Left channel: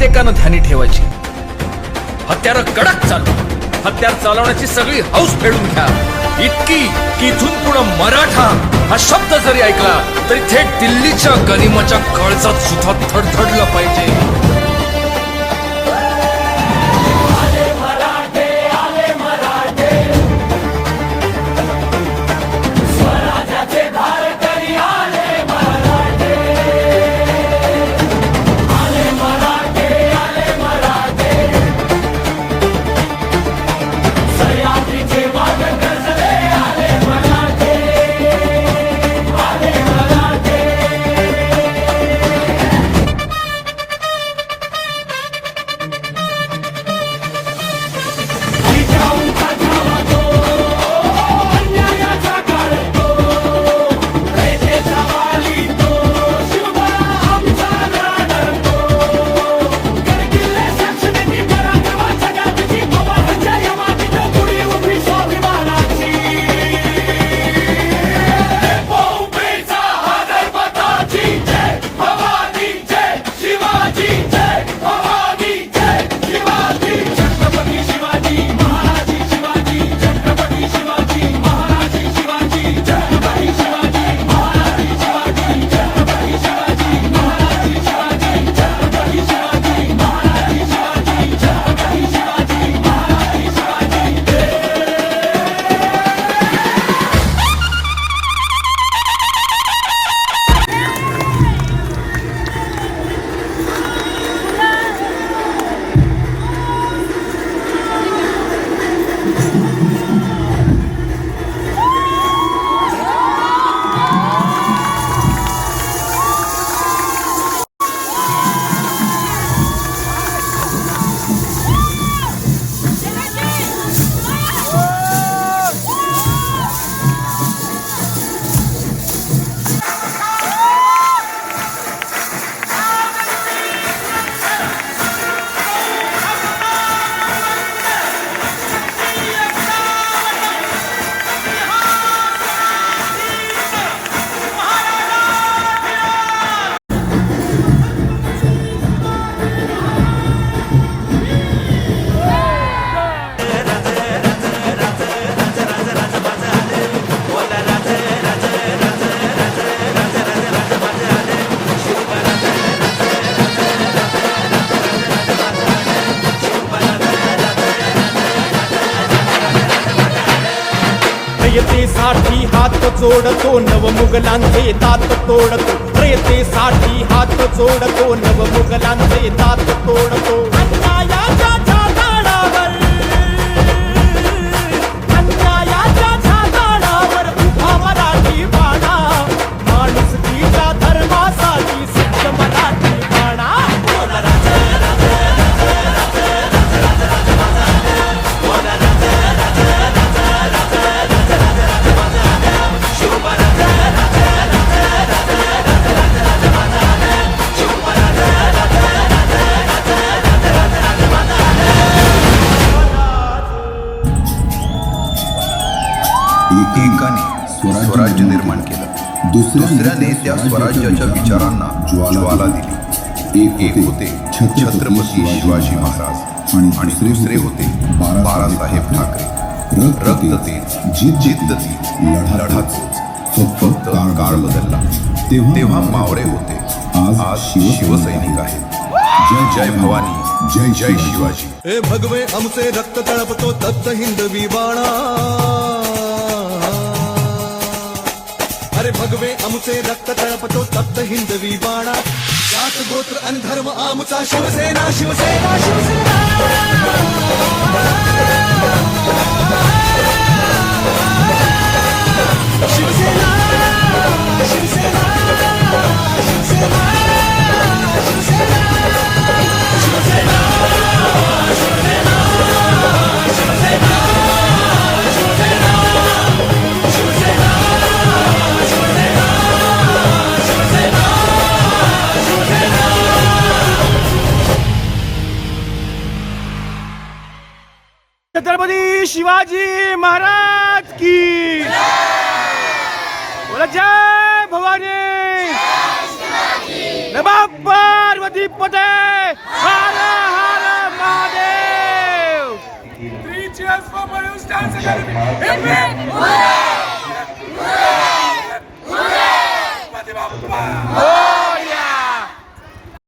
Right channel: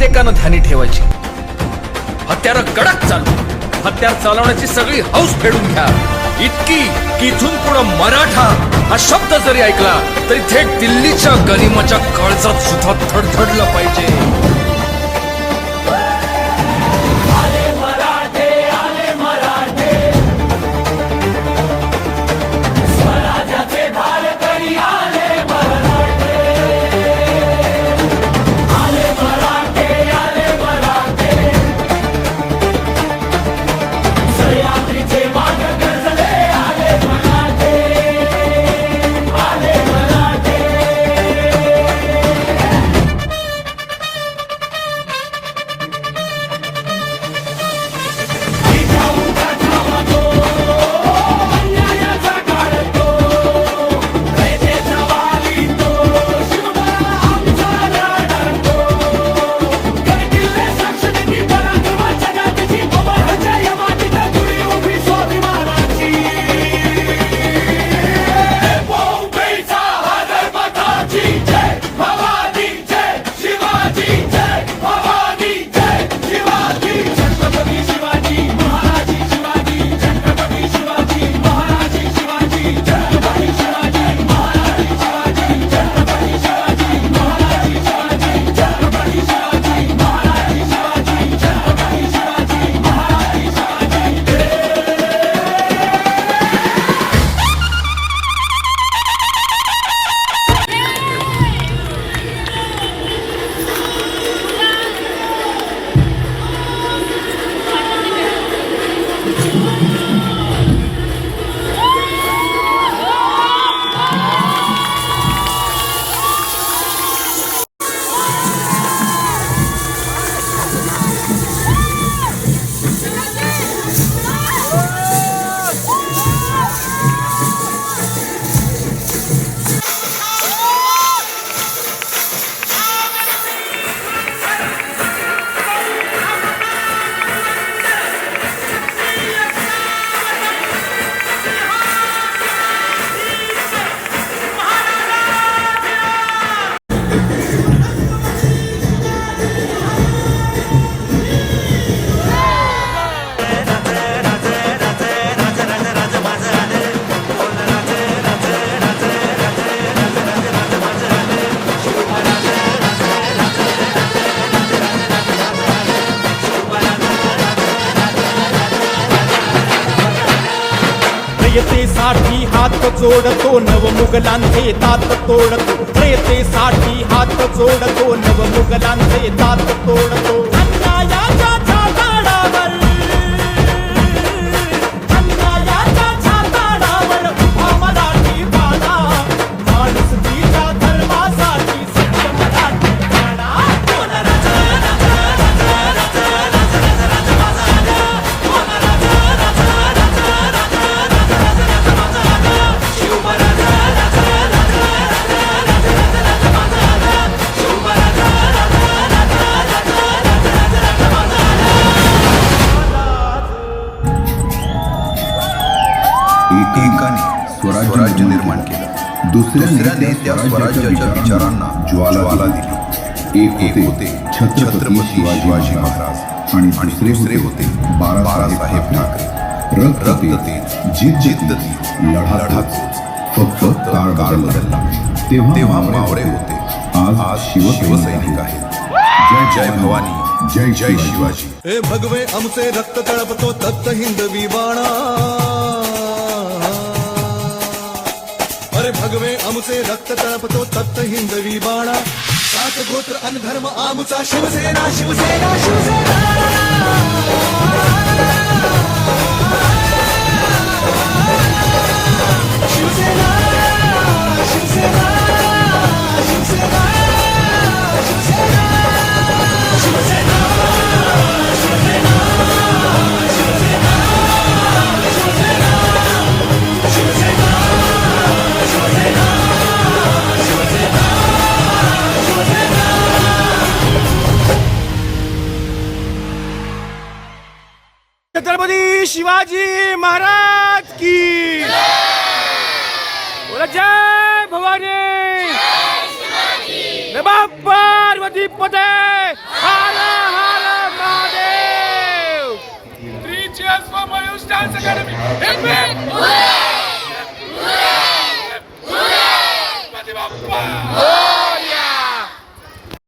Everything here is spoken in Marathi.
प्रत्येकानं ध्यानी ठेवायची. हत्यार कडक चालू, हत्यार चालवण्याची सगळी हौस फेडून घ्या. इतकी की इथून पुढं मराठा हा शब्द जरी ऐकला तरी थेट दिल्लीच्या गनिमाच्या काळजात सुद्धा थडथडलं पाहिजे. रयतेसाठी हात जोडतो नव मुघलांचे दात तोडतो. रयतेसाठी हात जोडतो नव मुघलांचे दात तोडतो. अन्यायाच्या छाताडावर, अन्यायाच्या छाताडावर उभा मराठी बाणा. माणुसकीच्या धर्मासाठी सत्य मराठी बाणा. एकाने स्वराज्य निर्माण केलं, दुसऱ्याने त्या स्वराज्याच्या विचारांना ज्वाला दिली. एक होते छत्रपती शिवाजी महाराज आणि दुसरे होते बाळासाहेब ठाकरे. रक्त तेच, जिद्द तीच, लढा तोच. फक्त काळ बदलला. तेव्हा मावळे होते, आज शिवसैनिक आहेत. जय भवानी, जय शिवाजी. हे भगवे आमचे रक्त तळपतो तप्त हिंदवी बाणा. अरे भगवे आमचे रक्त तळपतो तप्त हिंदवी बाणा. जात गोत्र आणि धर्म आमचा शिवसेना, शिवसेना, शिवसेना. छत्रपती शिवाजी महाराज की बोला. जय भवानी, नमः पार्वती पते. अकादमी गणपती बाप्पा